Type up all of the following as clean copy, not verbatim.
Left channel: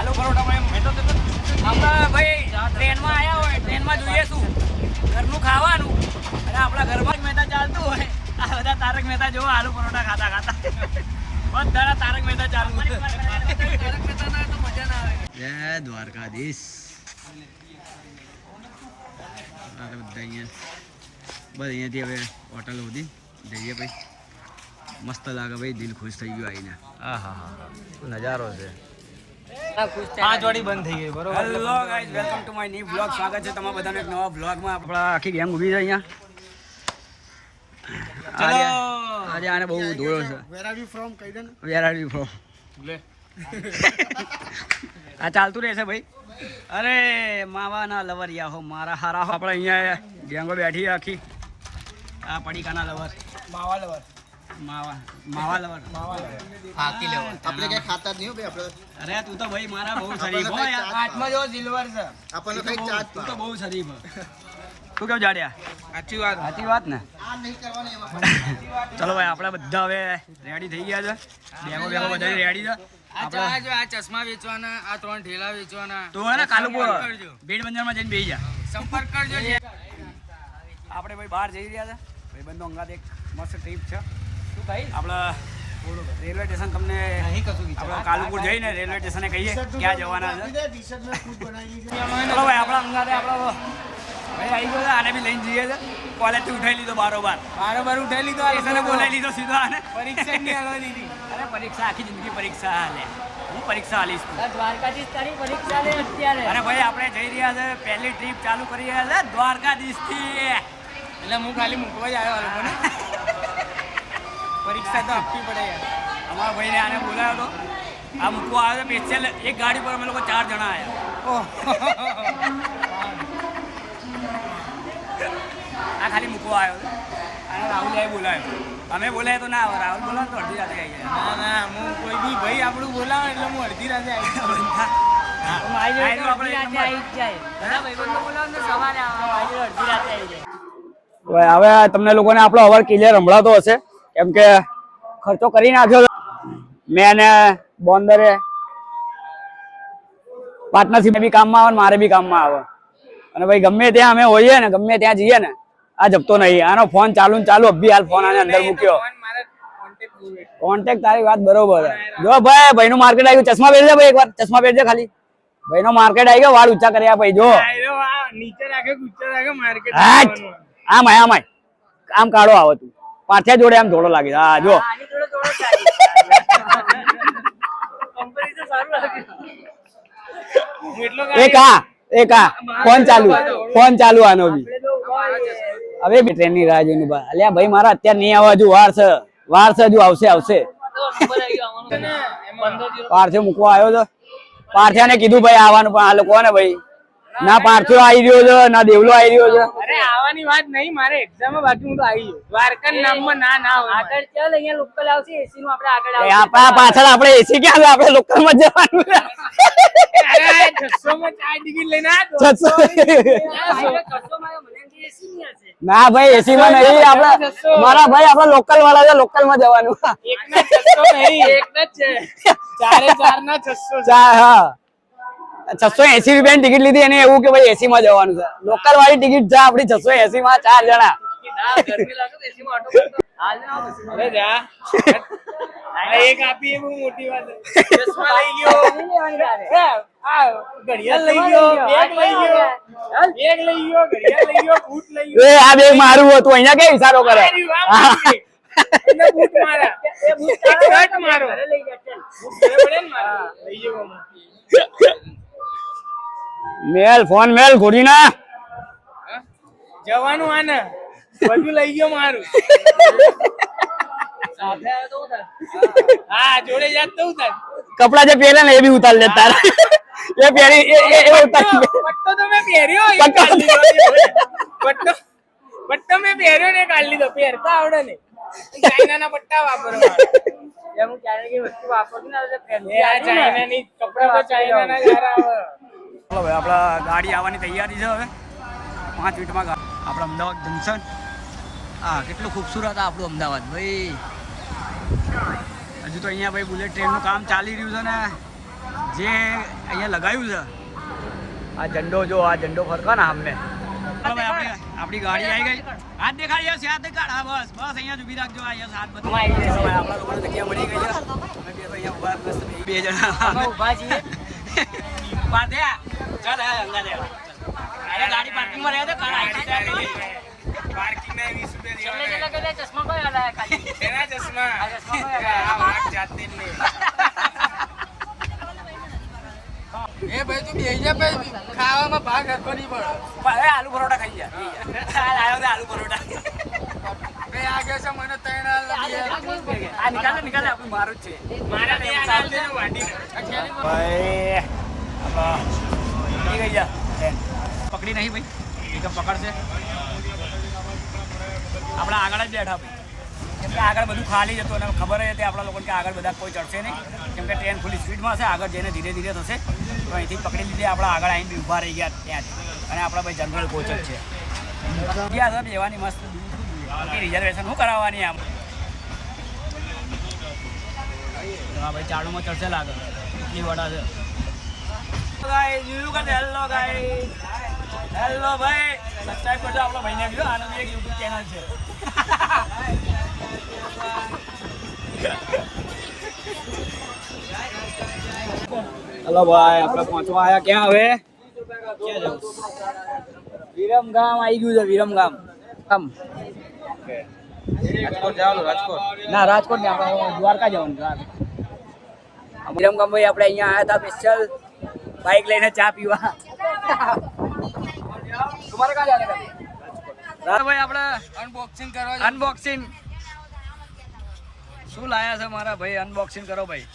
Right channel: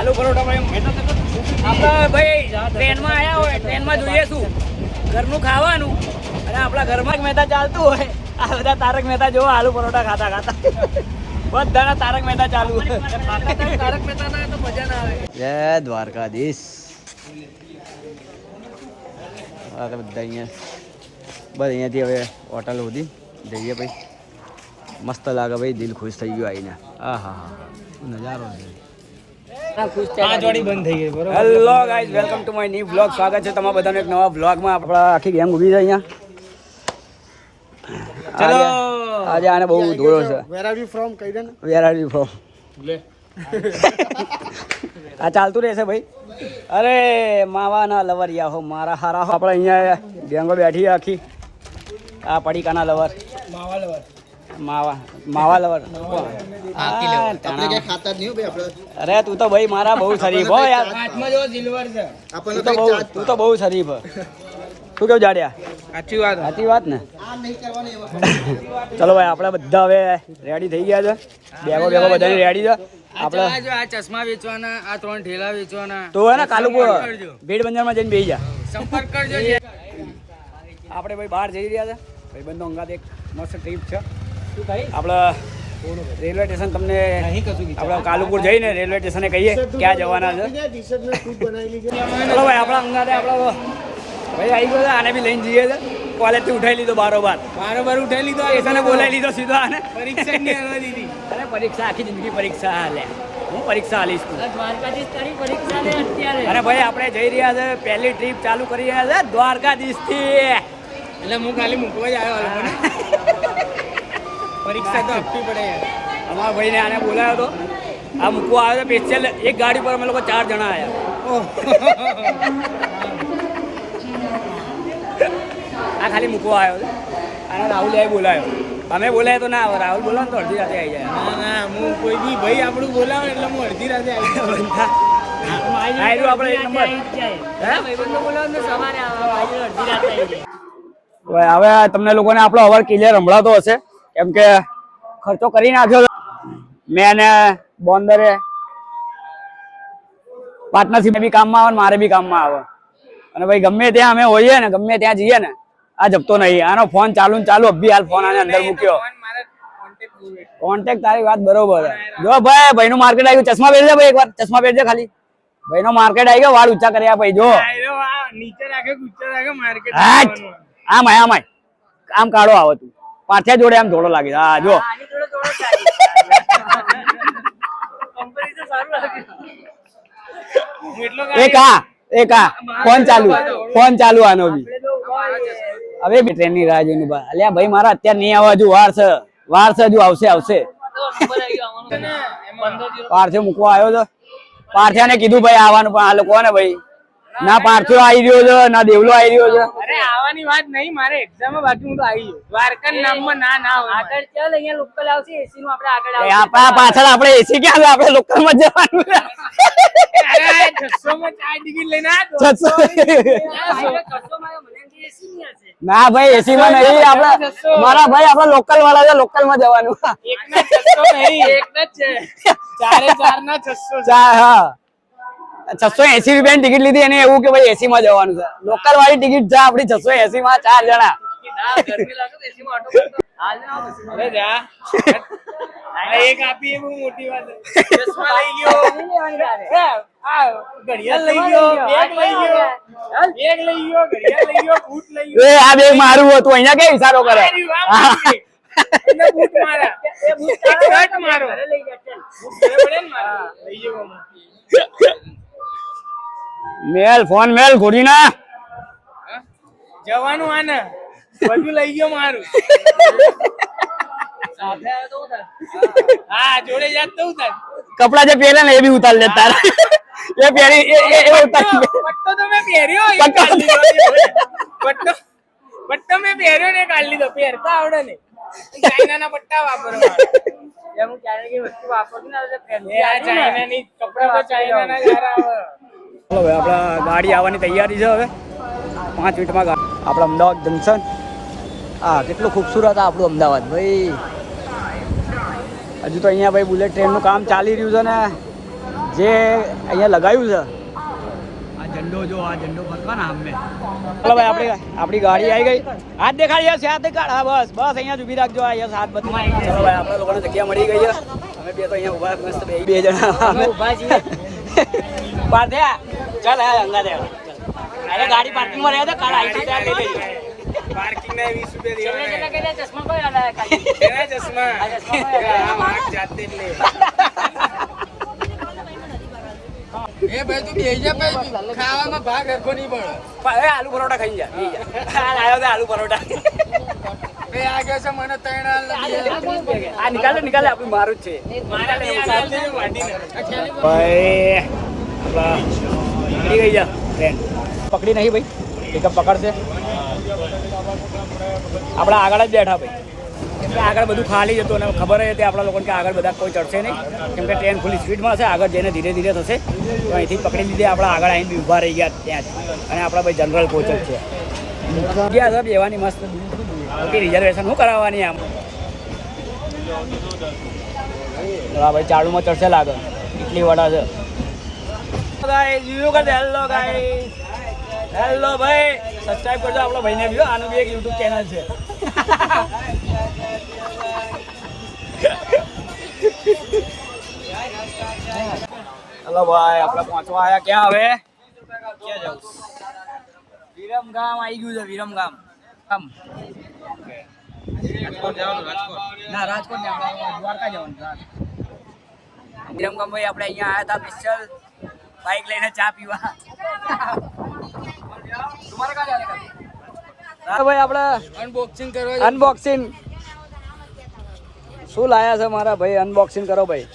આલુ પરોઠા આપણે ભાઈ ટ્રેનમાં આવ્યા હોય ટ્રેનમાં જોઈએ શું ઘરનું ખાવાનું અને આપણા ઘરમાં જ મહેતા ચાલતું હોય આ બધા તારક મહેતા જોવો આલુ પરોઠા ખાતા ખાતા બધાના તારક મહેતા ચાલુ તારક મહેતા ના તો મજા ના આવે. જય દ્વારકાધીશ. બધા અહીંયા બસ અહીંયાથી હવે હોટલ સુધી જઈએ ભાઈ. મસ્ત લાગે ભાઈ, દિલ ખુશ થઈ ગયું આવીને. હા હા નજારો છે. Hello guys, welcome to my new vlog. સ્વાગત છે તમારા બધાને એક નવા વ્લોગમાં. આપણા આખી ગેંગ ઊભી છે અહીંયા. ચલો આજે આને બહુ ધોળો છે. વેર આર યુ ફ્રોમ કહી દે ને. વેર આર યુ ફ્રોમ આ ચાલતું રહેશે ભાઈ. અરે માવાના લવરિયા હો મારા હારા હો. આપણે અહીંયા ગેંગો બેઠી આખી. આ પડીકાના લવર, માવા લવર, માવા લવર. આપણે કે ખાતા જ નહીં ભાઈ આપણે. અરે તું તો ભાઈ મારા બહુ શરીફ હો યાર. હાથમાં જો સિલ્વર છે. આપણને તું તો બહુ શરીફ. શું કેવું જાડ્યા? સાચી વાત ને. ચલો ભાઈ આપણે બધા હવે રેડી થઈ ગયા છે. બેગો બધાની રેડી છે. આપણે આ ચશ્મા વેચવાના, આ 3 ઠેલા વેચવાના. તો હે ને કાલુપુર ભેડ બંજારમાં જઈને બેસી જા. સંપર્ક કરજો. આપણે ભાઈ બહાર જઈ રહ્યા છે ભાઈ બંધો અંગાત. એક મસ્ત ટ્રીપ છે. આપણે રેલવે સ્ટેશન તમને આપણે કાલુપુર જઈને રેલવે સ્ટેશને કહીએ ક્યાં જવાના છે. ચલો ભાઈ આપણા અંગાતે આપણો ભાઈ આવી ગયો છે. આને બી લઈને જઈએ છે. કોલેજથી ઉઠાઈ લીધો બારોબાર ઉઠાઈ લીધો. સ્ટેશને બોલાવી લીધો સીધો. આને પરીક્ષા નહીં હાલવા દીધી. અરે પરીક્ષા આખી જિંદગી પરીક્ષા હાલે. હું પરીક્ષા હાલીશ. દ્વારકાધીશ તારી પરીક્ષા લે અત્યારે. અને ભાઈ આપણે જઈ રહ્યા છે, પહેલી ટ્રીપ ચાલુ કરી રહ્યા છે દ્વારકાધીશથી. એટલે હું ખાલી મૂકવા જ આવ્યો. પરીક્ષા તો આપવી પડે યાર. અમારા ભાઈને આને બોલાવ્યો હતો. આ મૂકવા આવ્યો તો સ્પેશિયલ એક ગાડી પર અમે લોકો 4 જણા આવ્યા. આ ખાલી મૂકવા આવ્યો છે. અને રાહુલ બોલાવ્યો. અમે બોલાય તો ના આવે. રાહુલ બોલાવે તો અડધી રાતે આવી જાય. ના હું કોઈ બી ભાઈ આપણું બોલાવે એટલે હું અડધી રાતે આવી જાય. હવે તમને લોકોને આપણો અવાજ ક્લિયર સંભળાતો હશે કેમ કે ખર્ચો કરી નાખ્યો. મેં ને બોંદરે પાર્ટનરશીપ બી કામમાં આવે, મારે બી કામમાં આવે. અને ભાઈ ગમે ત્યાં અમે હોઈએ ને, ગમે ત્યાં જઈએ ને, આ જપતો નહીં. આનો ફોન ચાલુ અભી હાલ ફોન આને અંદર મૂક્યો. કોન્ટેક્ટ તારી વાત બરોબર. જો ભાઈ ભાઈનું માર્કેટ આવી ગયું. ચશ્મા પહેરજે ભાઈ, એકવાર ચશ્મા પહેરજે ખાલી. ભાઈનો માર્કેટ આવી ગયો. વાળ ઊંચા કર્યા ભાઈ. જો નીચે રાખે માર્કેટ. આમ આમ કાઢો આવો તું પાછા જોડે આમ થોડો લાગે. હા જો એક ફોન ચાલુ આનો બી. હવે ટ્રેન ની રાહ જોઈને અલ્યા ભાઈ મારા અત્યારે નહીં આવવા. હજુ વાર છે હજુ આવશે. પાર્થે મૂકવા આવ્યો છે. પાર્થિયાને કીધું ભાઈ આવવાનું પણ આ લોકો ને ભાઈ ના પાર્થિયો આવી રહ્યો છે ના દેવલો આવી રહ્યો છે. અરે આવવાની વાત નહીં, મારે એક્ઝામ બાકી હું તો આવી ગયો. દ્વારકા નામમાં ના આગળ ચાલ, અહીંયા લોકલ આવશે. એસી નું આપણે આગળ આવશે. આપણા પાછળ આપણે એસી ક્યાં છે? આપણે લોકલ માં જવાનું. અરે 600 માં 4 ટિકિટ લઈને આ 600 માં મને એસી નહીં હશે. ના ભાઈ એસી માં નહીં. આપણે મારા ભાઈ આપણે લોકલ વાળા છે. લોકલ માં જવાનું. એકના 600 નહીં, એકના જ છે. 4 ના 600. હા 680 રૂપિયાની ટિકિટ લીધી અને એવું કે ભાઈ એસી માં જવાનું છે. લોકલ વાળી ટિકિટ છે આપડી 680 માં 4 જણા. એક આપી બહુ મોટી વાત. આ બેગ મારું હતું. અહીંયા કઈ ઇશારો કરે? મેલ ફોન મેલ ઘોડી ના જવાનું. આને બધું લઈ ગયો મારું. હા જોડે જાત તો ઉતાર. કપડા જે પહેરે ને એ બી ઉતાર લે તારા. એ પહેરી એ ઉતાર. પટ્ટો તો મેં પહેર્યો. પટ્ટો મેં પહેર્યો ને કાઢ લીધો. પહેરતા આવડે ને. ચાઇનાના પટ્ટા વાપરવા. હું ચાઇના ની વસ્તુ વાપરતી ના ચાઇના ની કપડા તો ચાઇના ના જ આવે. ચલો ભાઈ આપણા ગાડી આવવાની તૈયારી છે. હવે 5 મિનિટમાં આપણા અમદાવાદ જંકશન. હા કેટલું ખૂબસૂરત આપણું અમદાવાદ ભાઈ. હજુ તો અહીંયા ભાઈ બુલેટ ટ્રેનનું કામ ચાલી રહ્યું છે ને જે અહીંયા લગાવ્યું છે આ ઝંડો જો આ ઝંડો ફરવા ને આમને ચલો ભાઈ આપણી ગાડી આવી ગઈ હાથ દેખાડ યસ હાથ દેખાડ હા બસ અહીંયા જ ઊભી રાખજો આ યસ હાથ બતાવી ચલો ભાઈ આપણા લોકોને જગ્યા મળી ગઈ છે અમે બે તો અહીંયા ઊભા મસ્ત બે જણા અમે ઊભા છીએ પાર્થ્યા ચાલ આ અંગા દે અરે ગાડી પાર્કિંગ માં રહે તો કાલ આઈટી ચાર લઈ લેજો પાર્કિંગ ના 20 રૂપિયા દેવાના ચશ્મા કોઈ આલા કાઈ તેના ચશ્મા આ વાક જાતે લે એ ભાઈ તું બેહી જા ભાઈ ખાવામાં ભાગ હરખો નહીં પડે એ આલુ પરોઠા ખાઈ જા આયો તો આલુ પરોઠા બે આ ગયો છે મને તૈણ આ નિકાલે આપણી મારું જ છે ભાઈ આપણા નીકળી ગઈ જા ટ્રેન પકડી નહીં ભાઈ પિકઅપ પકડશે આપણા આગળ જ બેઠા ભાઈ કેમ કે આગળ બધું ખાલી જ હતું અને ખબર હતી આપણા લોકોને કે આગળ બધા કોઈ ચડશે નહીં કેમ કે ટ્રેન ફૂલી સ્પીડમાં હશે આગળ જઈને ધીરે ધીરે થશે તો અહીંથી પકડી લીધે આપણા આગળ આવીને બી ઊભા રહી ગયા ત્યાં જ અને આપણા ભાઈ જનરલ કોચ જ છે ગયા સબ એવાની મસ્ત રિઝર્વેશન શું કરાવવાની આમ હા ભાઈ ચાલુમાં ચડશે લાગે એટલી વડા છે હેલો ભાઈ સબસ્ક્રાઈબ કરજો આપણા ભાઈને બી આનું બી એક યુટ્યુબ ચેનલ છે હલો ભાઈ આપણે પહોંચવા આવ્યા ક્યાં હવે ક્યાં જવું વિરમગામ આવી ગયું છે વિરમગામ ના રાજકોટ ને આપણે દ્વારકા જવાનું વિરમગામ ભાઈ આપણે અહીંયા આવ્યા હતા સ્પેશિયલ બાઇક લઈને ચા પીવા તમારે ક્યાં જાને ભાઈ આપણે અનબોક્સિંગ શું લાયા છે મારા ભાઈ અનબોક્સિંગ કરો ભાઈ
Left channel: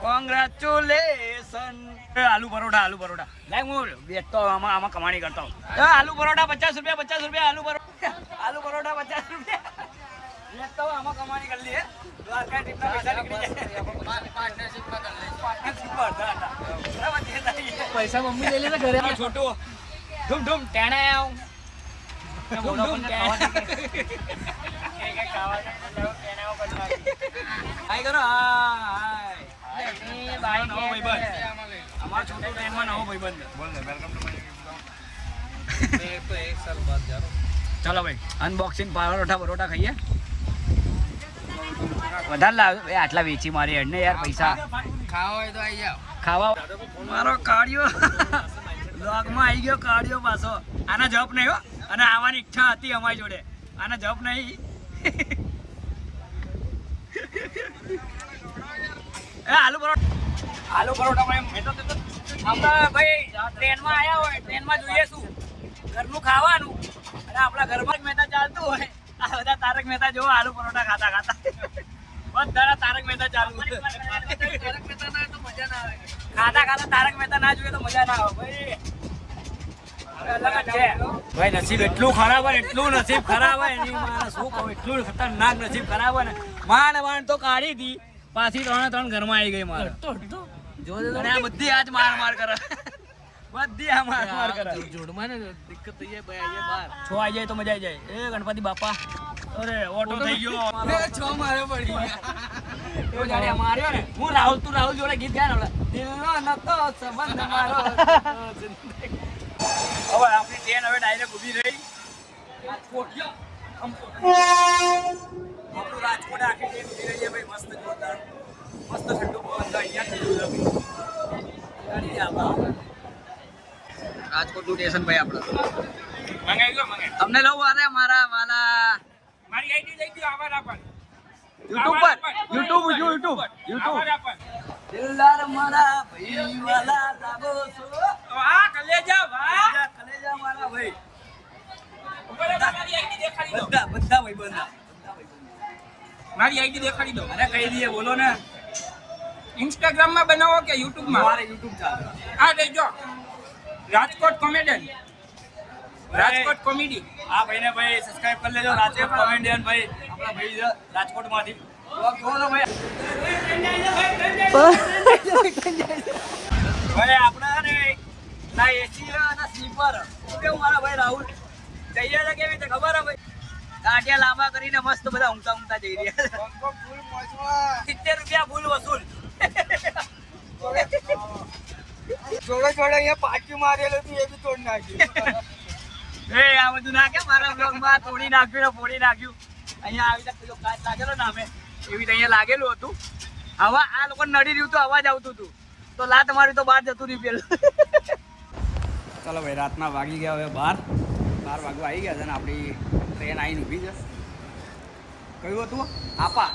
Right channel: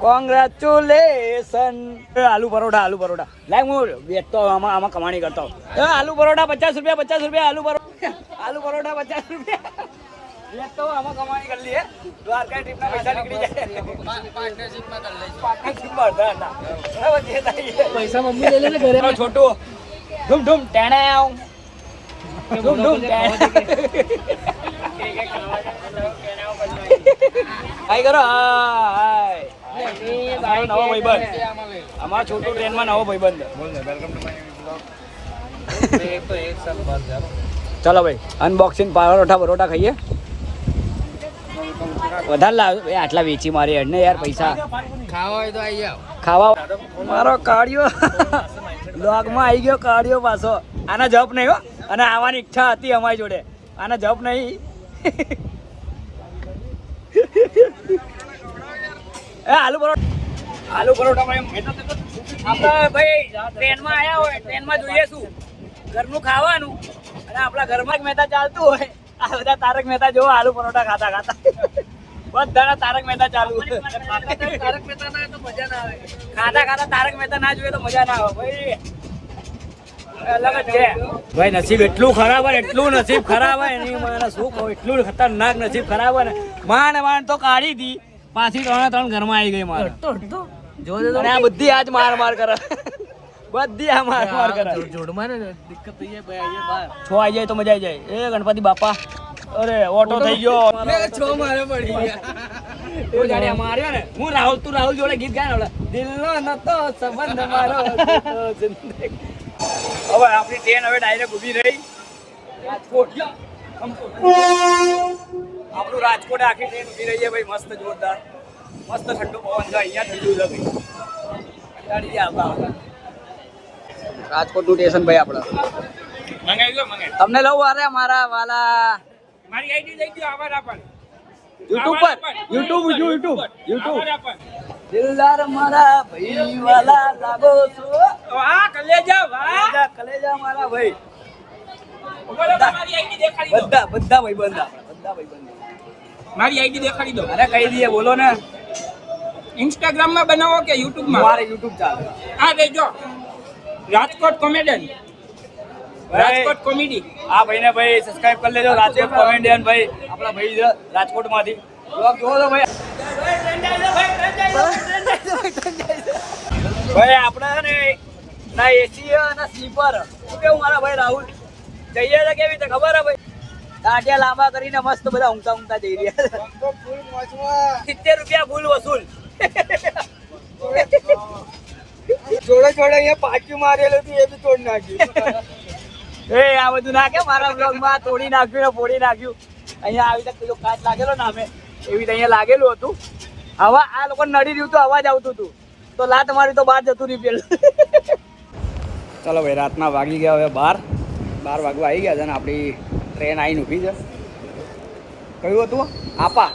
કોંગ્રેચ્યુલેશન આલુ પરોઠા લાગ હું બેઠતો આમાં કમાણી કરતો આલુ પરોઠા 50 રૂપિયા આલુ પરોઠા 50 રૂપિયા બેઠતો આમાં કમાણી કરી લઈએ દ્વારકા ટ્રીપના પૈસા નીકળી જાય પાર્ટનરશિપમાં પૈસા મમ્મી લઈ લે ને ઘરે છોટું ધૂમ ટેણે ધૂમ કઈ કરો નવો ભાઈબંધ અમારા છોટું ટ્રેનમાં નવો ભાઈબંધ ચલો ભાઈ અનબોક્સિંગ પરોઠા ખાઈએ વધારે લાવ આટલા વેચી મારી હેડ ને યાર પૈસા ખાવા હોય તો આવી જાવ ખાવા મારો કાઢ્યો લોગમાં આવી ગયો કાઢ્યો પાછો આના જપ નહીં હો અને આવવાની ઈચ્છા હતી અમારી જોડે આના જપ નહીં આલુ પરોઠા આપણે ભાઈ ટ્રેનમાં આવ્યા હોય ટ્રેનમાં જોઈએ શું ઘરનું ખાવાનું અને આપણા ઘરમાં જ મહેતા ચાલતું હોય આ બધા તારક મહેતા જો આલુ પરોઠા ખાતા બધાના તારક મહેતા ચાલુ તારક મહેતા ના તો મજા ના આવે ખાતા તારક મહેતા ના જોઈએ તો મજા ના આવે ભાઈ અલગ જ છે ભાઈ નસીબ એટલું ખરાબ હોય એટલું નસીબ ખરાબ હોય એની મારે શું કહું એટલું ખતરનાક નસીબ ખરાબ હોય ને માંડ તો કાઢી હતી પાછી 3 ઘરમાં આવી ગઈ મારે અને આ બધી આજ માર કરે બધી આ માર કરે જોડમાં ને દિક્કત થઈ જાય ભાઈ બહાર છો આવી જાય તો મજા આવી જાય એ ગણપતિ બાપા અરે ઓટો થઈ ગયો છો મારે પડી ગયા તો જાણે માર્યો ને હું રાહુલ જોડે ગીત ગાય ને દિલનો નતો સંબંધ મારો જિંદગી હવે આપણી ટ્રેન હવે ડાયરેક્ટ ઊભી રહી રાજકોટ આપણું રાજકોટ આખી ટ્રેન ઊભી રહી છે ભાઈ મસ્ત જોરદાર મસ્ત ઠંડુ પવન છે અહીંયા ઠંડુ છે ભાઈ કંટાળી ગયા આપણા રાજકોટનું સ્ટેશન ભાઈ આપણે મંગાવી તમને લઉં અરે મારા વાલા મારી આઈડી લઈ દો આવા આપણ YouTube દિલદાર મારા ભાઈ વાલા લાગો છો વાહ કલેજા મારા ભાઈ બધા ભાઈ બંધા મારી આઈડી દેખાડી દો અરે કહી દઈએ બોલો ને ઇન્સ્ટાગ્રામ માં બનાવો કે YouTube માં મારે YouTube ચાલે આ દેજો રાજકોટ કોમેડિયન રાજકોટ કોમેડી આ ભાઈને ભાઈ સબસ્ક્રાઇબ કરી લેજો રાજકોટ કોમેડિયન ભાઈ આપણા ભાઈ છે રાજકોટ માંથી બ્લોગ જોવો તો ભાઈ ભાઈ આપણે ને ના એસી અને સ્લીપર શું કેવું મારા ભાઈ રાહુલ જઈએ છે કેવી રીતે ખબર હે ભાઈ ગાંઠિયા લાંબા કરીને મસ્ત બધા ઊંઘતા જઈ રહ્યા છે 70 રૂપિયા ફૂલ વસૂલ જોડે અહીંયા પાછું મારેલું હતું એ બી તોડી નાખ્યું. એ આ બધું નાખે મારા બ્લોગમાં તોડી નાખ્યું ને ફોડી નાખ્યું. અહીંયા આવી રીતે પેલો કાચ લાગેલો ને અમે એવી રીતે અહીંયા લાગેલું હતું. હવા આ લોકો નડી રહ્યું તો અવાજ આવતું હતું તો લાત મારી તો બહાર જતું રહ્યું પેલું. ચાલો ભાઈ રાતના વાગી ગયા હવે 12 વાગવા આવી ગયા છે ને આપણી ટ્રેન આવીને ઊભી છે. કયું હતું આપા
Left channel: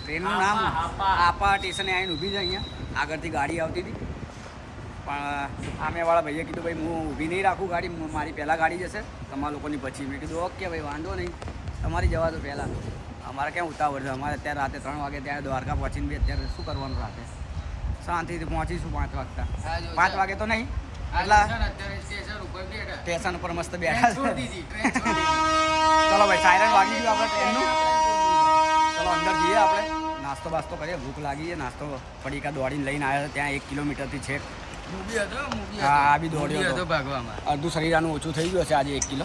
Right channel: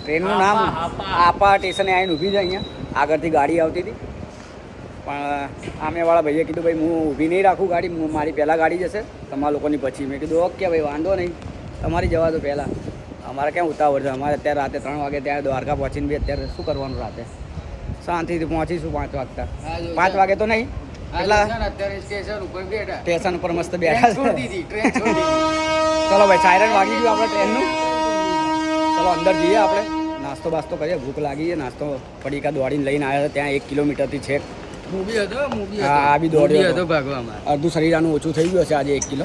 ટ્રેનનું નામ આપા સ્ટેશને આવીને ઊભી છે. અહીંયા આગળથી ગાડી આવતી હતી પણ આમેવાળા ભાઈએ કીધું ભાઈ હું ઊભી નહીં રાખું ગાડી, મારી પહેલાં ગાડી જશે તમારા લોકોની પછી. મેં કીધું ઓકે ભાઈ વાંધો નહીં તમારી જવા દો પહેલાં, અમારે ક્યાં ઉતાવળ છે. અમારે અત્યારે રાતે 3 વાગે ત્યાં દ્વારકા પહોંચીને બી અત્યારે શું કરવાનું રાતે શાંતિથી પહોંચીશું 5 વાગતા. 5 વાગે તો નહીં એટલા સ્ટેશન ઉપર મસ્ત બેઠા. ચલો ભાઈ સાયરન વાગી ગયું આપણે ટ્રેનનું. ચલો અંદર જઈએ આપણે નાસ્તો બાસ્તો કરીએ, ભૂખ લાગી છે. નાસ્તો પડીકા દોડીને લઈને આવ્યા ત્યાં 1 કિલોમીટરથી છેક. હા આ બી દોડ્યો હતો ભાગવામાં. અડધું શરીર આનું ઓછું થઈ ગયું હશે આજે 1 કિલો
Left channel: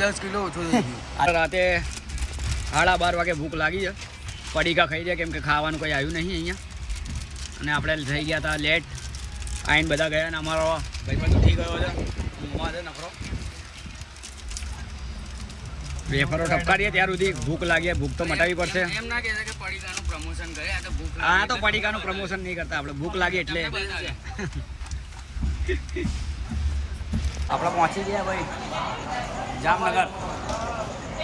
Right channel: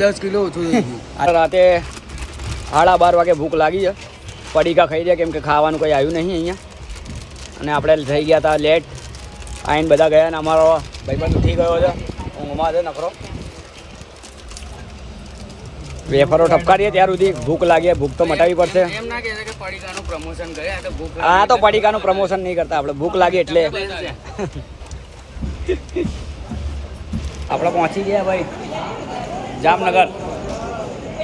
10 કિલો ઓછું થઈ ગયું. રાતે 12:30 વાગે ભૂખ લાગી છે, પડીકા ખાઈ રહ્યા કેમ કે ખાવાનું કંઈ આવ્યું નહીં અહીંયા. અને આપણે થઈ ગયા હતા લેટ. આઈને બધા ગયા ને અમારો ભાઈબંધ ઉઠી ગયો છે, ઊંઘમાં છે નખરો. વેફરો ઠપકારીએ ત્યાર સુધી ભૂખ લાગી, ભૂખ તો મટાવી પડશે. હા તો પડીકાનું પ્રમોશન નહીં કરતા આપણે, ભૂખ લાગી એટલે. આપણે પહોંચી ગયા ભાઈ જામનગર.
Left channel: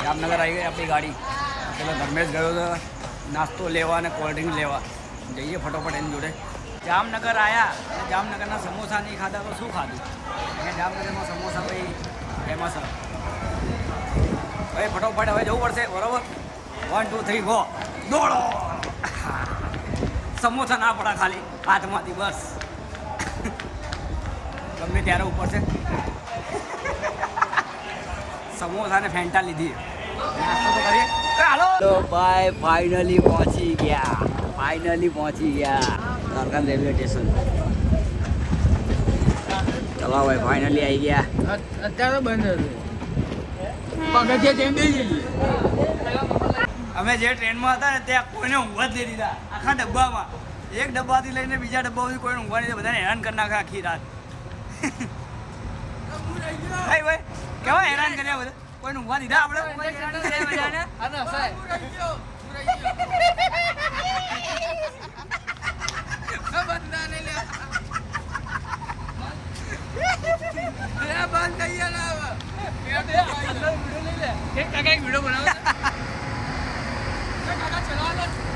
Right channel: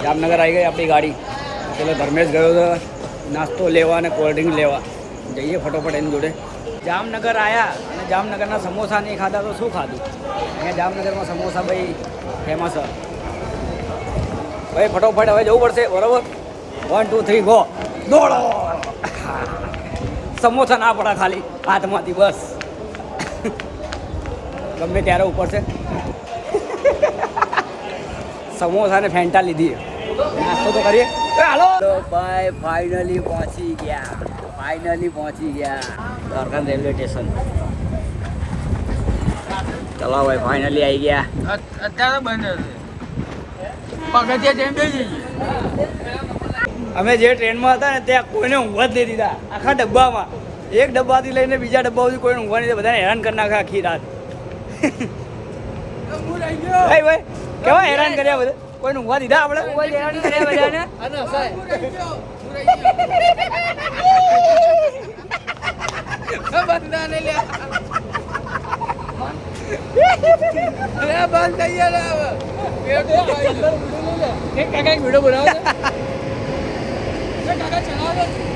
જામનગર આવી ગઈ આપણી ગાડી. પેલો ધર્મેશ ગયો હતો નાસ્તો લેવા અને કોલ્ડ ડ્રિંક લેવા. જઈએ ફટોફટ એની જોડે. જામનગર આવ્યા અને જામનગરના સમોસા નહીં ખાધા તો શું ખાધું. અહીંયા જામનગરમાં સમોસા ભાઈ ફેમસ છે ભાઈ. ફટોફટ હવે જવું પડશે બરોબર. 1 2 3 ગો દોડો. સમોસા ના પડે ખાલી હાથમાંથી બસ. ગમે ત્યારે ઉપર છે સમોસા ને ફેન્ટા લીધી. નાસ્તો તો કરીએ હાલો. તો ભાઈ ફાઇનલી પહોંચી ગયા દ્વારકા રેલવે સ્ટેશન. ચલો ભાઈ ફાઇનલી આવી ગયા. અમે જે ટ્રેનમાં હતા ને ત્યાં કોઈને ઊંઘવા જ નહીં દીધા. આખા ડબ્બામાં એક ડબ્બાથી લઈને બીજા ડબ્બા સુધી કોઈને ઊંઘવા નહીં, બધાને હેરાન કરી નાખા આખી રાત. ભાઈ કેવા હેરાન કર્યા બધા. કોઈને ઊંઘવા દીધા આપણે? કોઈ હેરાન કર્યા બધાને.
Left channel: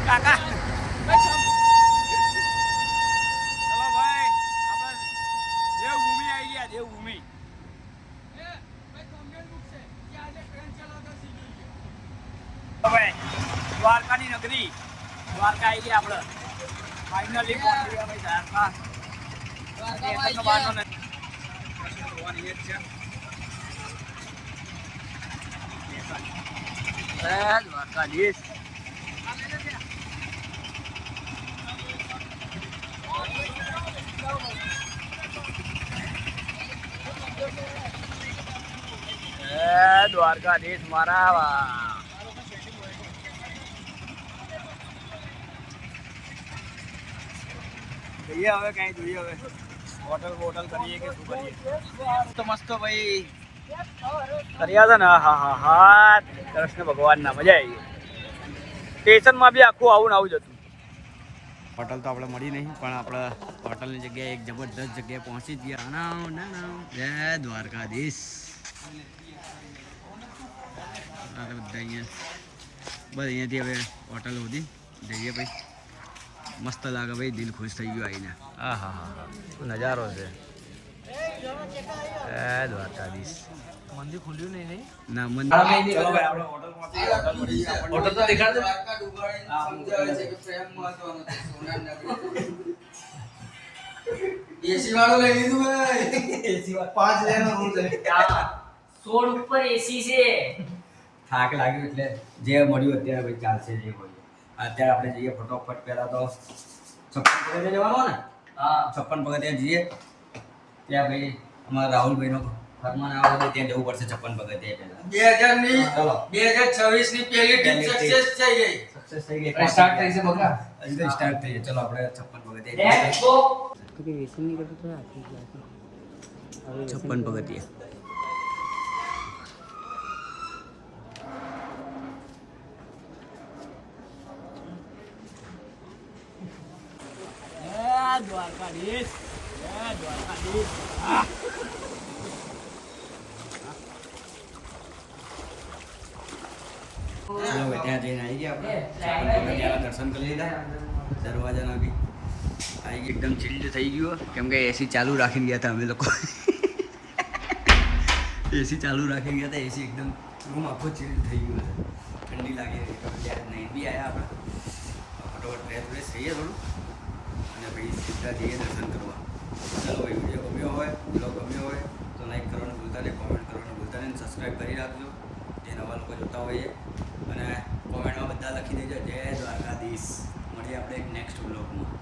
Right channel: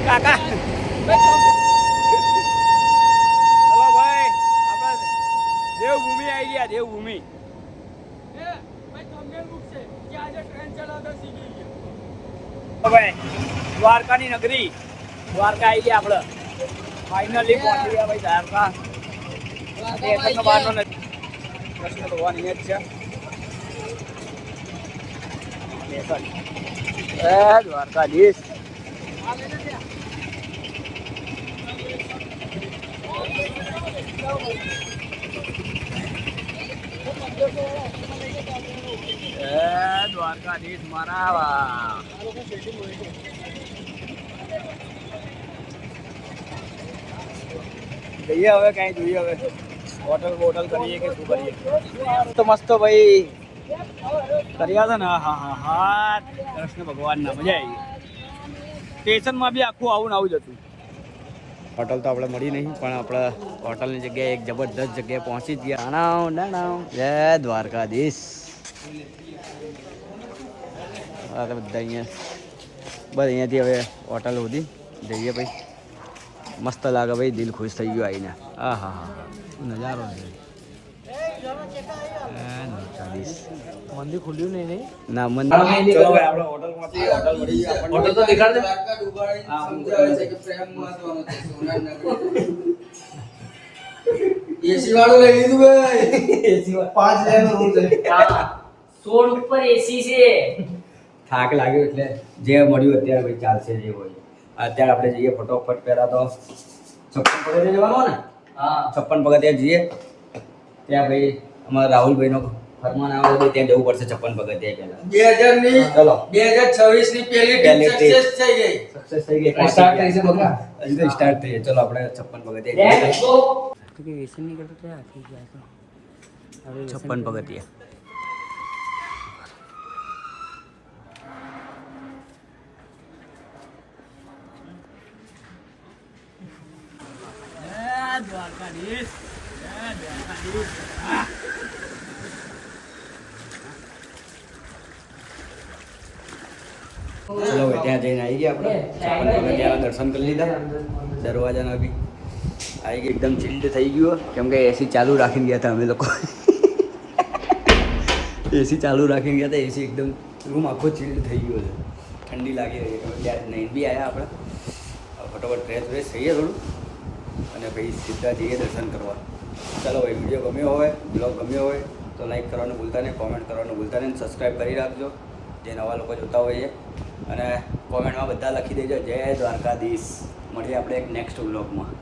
કાકા ચલો ભાઈ આપણે દેવભૂમિ આવી ગયા. દેવભૂમિ ભાઈ દ્વારકાની નગરી. દ્વારકા આવી ગયા આપણે ફાઇનલી પહોંચી ગયા ભાઈ દ્વારકા. કૃષ્ણ ભગવાન અહીંયા જ છે દ્વારકાધીશ. દ્વારકાધીશ મારા. જઈએ હવે કઈ જોઈએ હવે હોટલ કરીએ કે શું કરીએ. તો મસ્ત ભાઈ કર્યા છે ને. હા કૃષ્ણ ભગવાનના મજા આવી. સ્ટેશનમાં બી આખું આવું ને આવું જ હતું. હોટલ તો આપણે મળી નહીં પણ આપણે હોટલની જગ્યાએ એક જબરદસ્ત જગ્યાએ પહોંચી જ ગયા. જય દ્વારકાધીશ. બધા અહીંયા બસ અહીંયાથી હવે હોટલ સુધી જઈએ ભાઈ. મસ્ત લાગે ભાઈ, દિલ ખુશ થઈ ગયું આવીને. હા હા નજારો છે. મંદિર ખુલ્યું નહીં ના મંદિર. ચલો ભાઈ આપણે હોટલ પહોંચી. હોટલ મળી ગઈ આપણને. હોટલ તો દેખાડ દે. એસી વાળું લઈ લીધું ભાઈ. એસી 5 લેનો રૂમ છે. 16 ઉપર એસી છે. થાક લાગ્યો એટલે જે મળ્યું અત્યારે ભાઈ ચાલશે જે હોય. અત્યારે આપણે જઈએ ફટોફટ. પહેલા તો 56 પગથિયે જવાનું ને. હા 56 પગથિયે જઈએ. ત્યાં ભાઈ અમારા રાહુલભાઈનો ફરમાન આવે તો ત્યાં જવું પડશે 56 પગથિયા પહેલા 2000 ની ચલો 2026 ની પહેલી ટ્રીપ સક્સેસ થઈ ગઈ. સક્સેસ થઈ ગઈ. સ્ટાર્ટ થઈ છે બગા. હજી તો સ્ટાર્ટ થઈ ચલો આપણે 56 પગથિયા 56 પગથિયા દ્વારકાધીશ દ્વારકાધીશ. ચલો હવે ત્યાં જઈને આવી ગયા આપણે 56 પગથિયાના દર્શન કરી લીધા. દરવાજાના બી આવી ગઈ, એકદમ ચિલ્ડ થઈ ગયું કેમ કે એસી ચાલુ રાખીને ગયા હતા અમે લોકો. એસી ચાલુ રાખીને ગયા હતા, એસી એકદમ રૂમ આખો ચિલ્ડ થઈ ગયો છે, ઠંડી લાગી રહી છે. ત્યાં નહીં બી આવ્યા આપણે, ફટાફટ ફ્રેશ થઈએ થોડું અને પછી સીધા જઈએ દર્શન કરવા. ચાલો ભાઈ, વિડીયો ગમ્યો હોય, બ્લોગ ગમ્યો હોય તો લાઈક કરવાનું ભૂલતા નહીં, કોમેન્ટ કરવાનું ભૂલતા નહીં, સબસ્ક્રાઈબ કરી રાખજો જે નવા લોકો જોતા હોઈએ. અને કોમેન્ટમાં બધા લખી દેજો જય દ્વારકાધીશ. મળીએ આપણે એક નેક્સ્ટ વ્લોગમાં.